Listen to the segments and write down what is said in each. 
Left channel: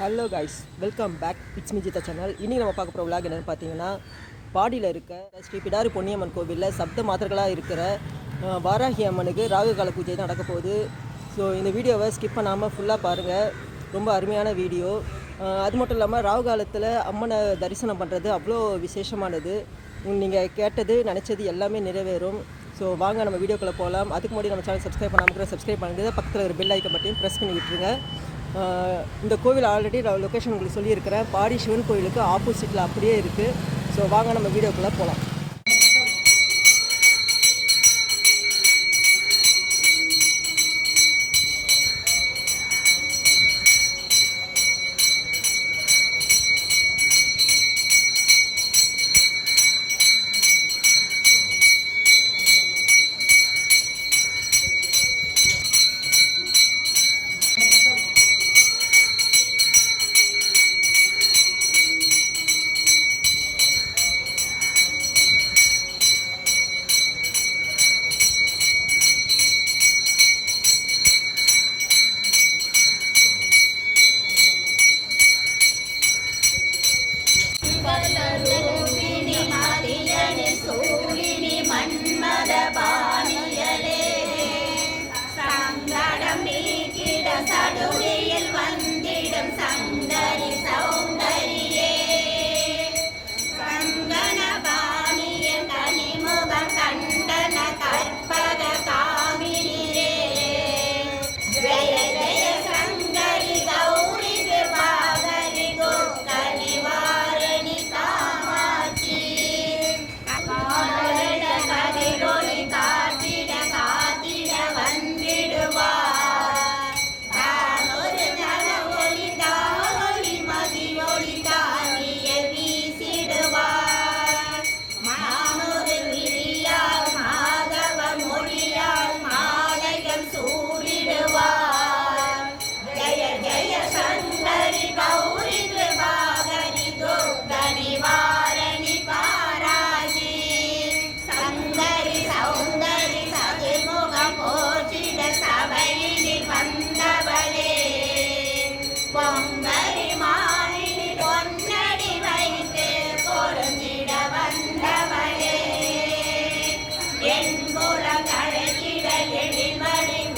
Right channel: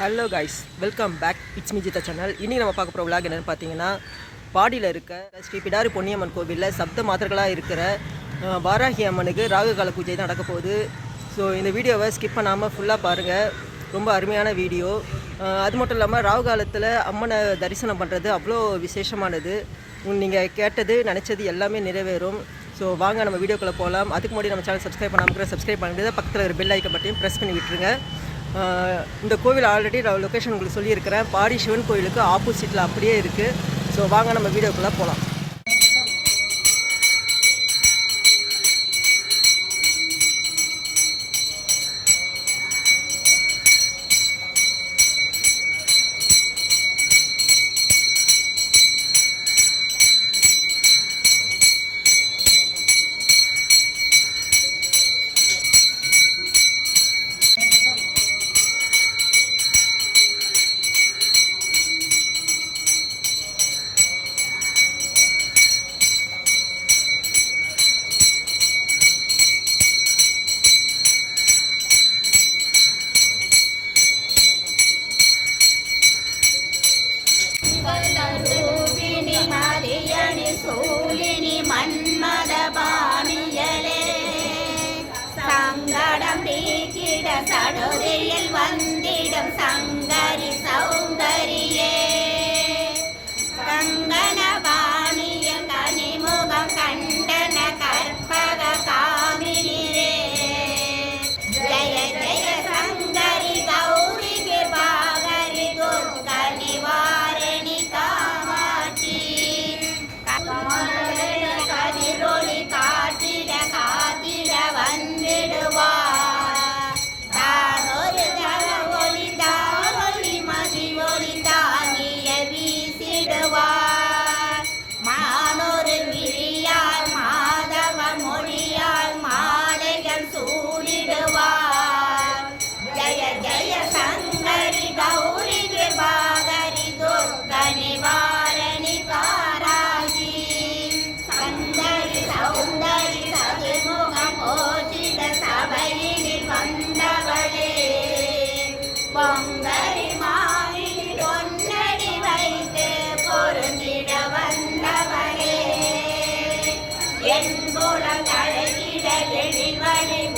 Hello guys welcome back it's Mijitha channel இன்றைக்கி நம்ம பார்க்க போகிற விளாக் என்னென்னு பார்த்தீங்கன்னா பாடியில் இருக்க ஸ்ரீ பிடாரி பொன்னியம்மன் கோவிலில் சப்த மாதர்களாக இருக்கிற வாராகி அம்மனுக்கு ராகு கால பூஜை தான் நடக்க போகுது. ஸோ இந்த வீடியோவை ஸ்கிப் பண்ணாமல் ஃபுல்லாக பாருங்கள் ரொம்ப அருமையான வீடியோ. அது மட்டும் இல்லாமல் ராகு காலத்தில் அம்மனை தரிசனம் பண்ணுறது அவ்வளோ விசேஷமானது. நீங்கள் கேட்டது நினச்சது எல்லாமே நிறைவேறும். ஸோ வாங்க நம்ம வீடியோக்குள்ளே போகலாம் அதுக்கு முன்னாடி நம்ம சேனல் சப்ஸ்கிரைப் பண்ணாமல் சப்ஸ்கிரைப் பண்ணுறது பக்கத்தில் ஒரு பெல் ஐக்கன் பட்டையும் ப்ரெஸ் பண்ணி விட்டுருங்க. இந்த கோவில் ஆல்ரெடி நான் லொக்கேஷன் உங்களுக்கு சொல்லியிருக்கிறேன். பாடி சிவன் கோயிலுக்கு ஆப்போசிட்டில் அப்படியே இருக்குது ஸோ வாங்க நம்ம வீடியோக்குள்ளே போகலாம் Friday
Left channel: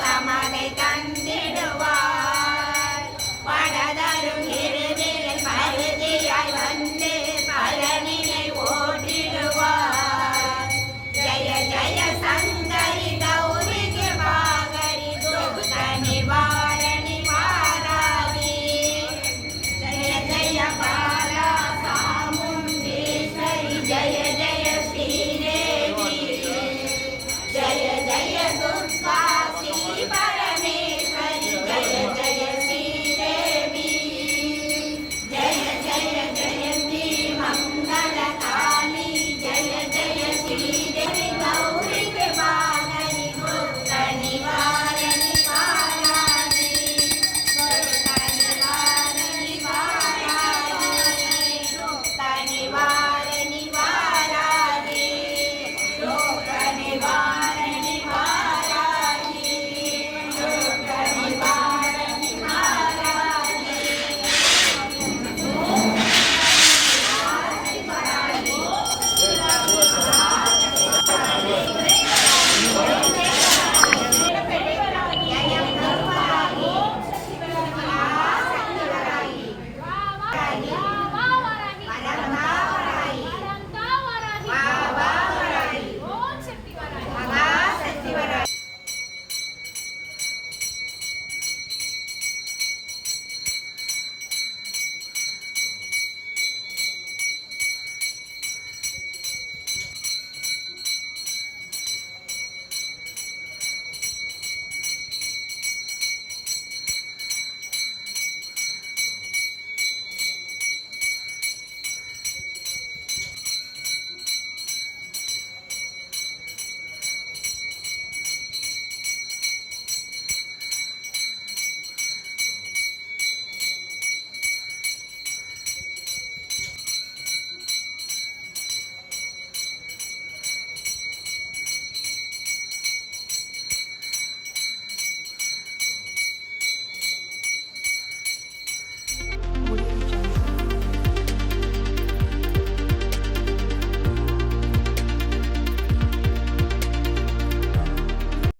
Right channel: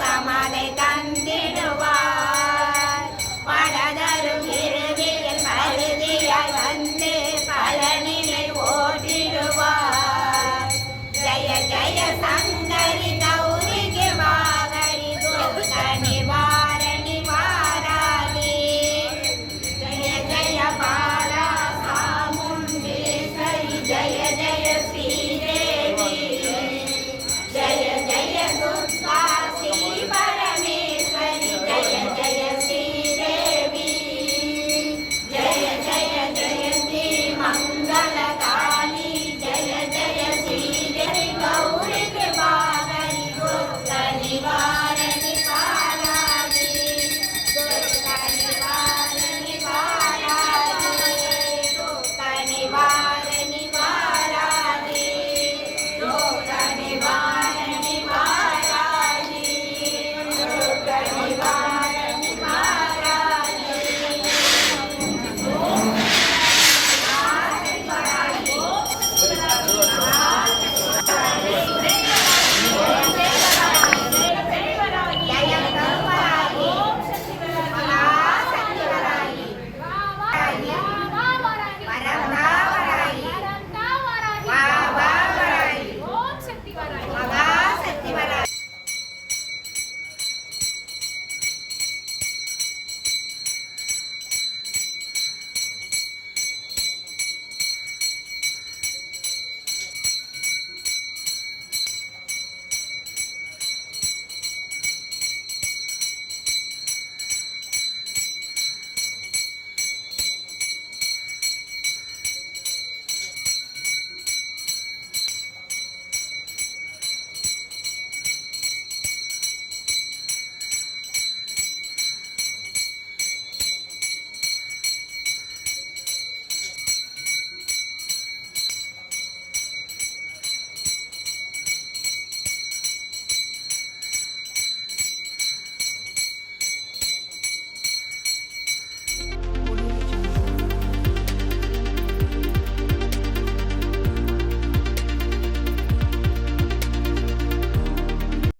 আমাদের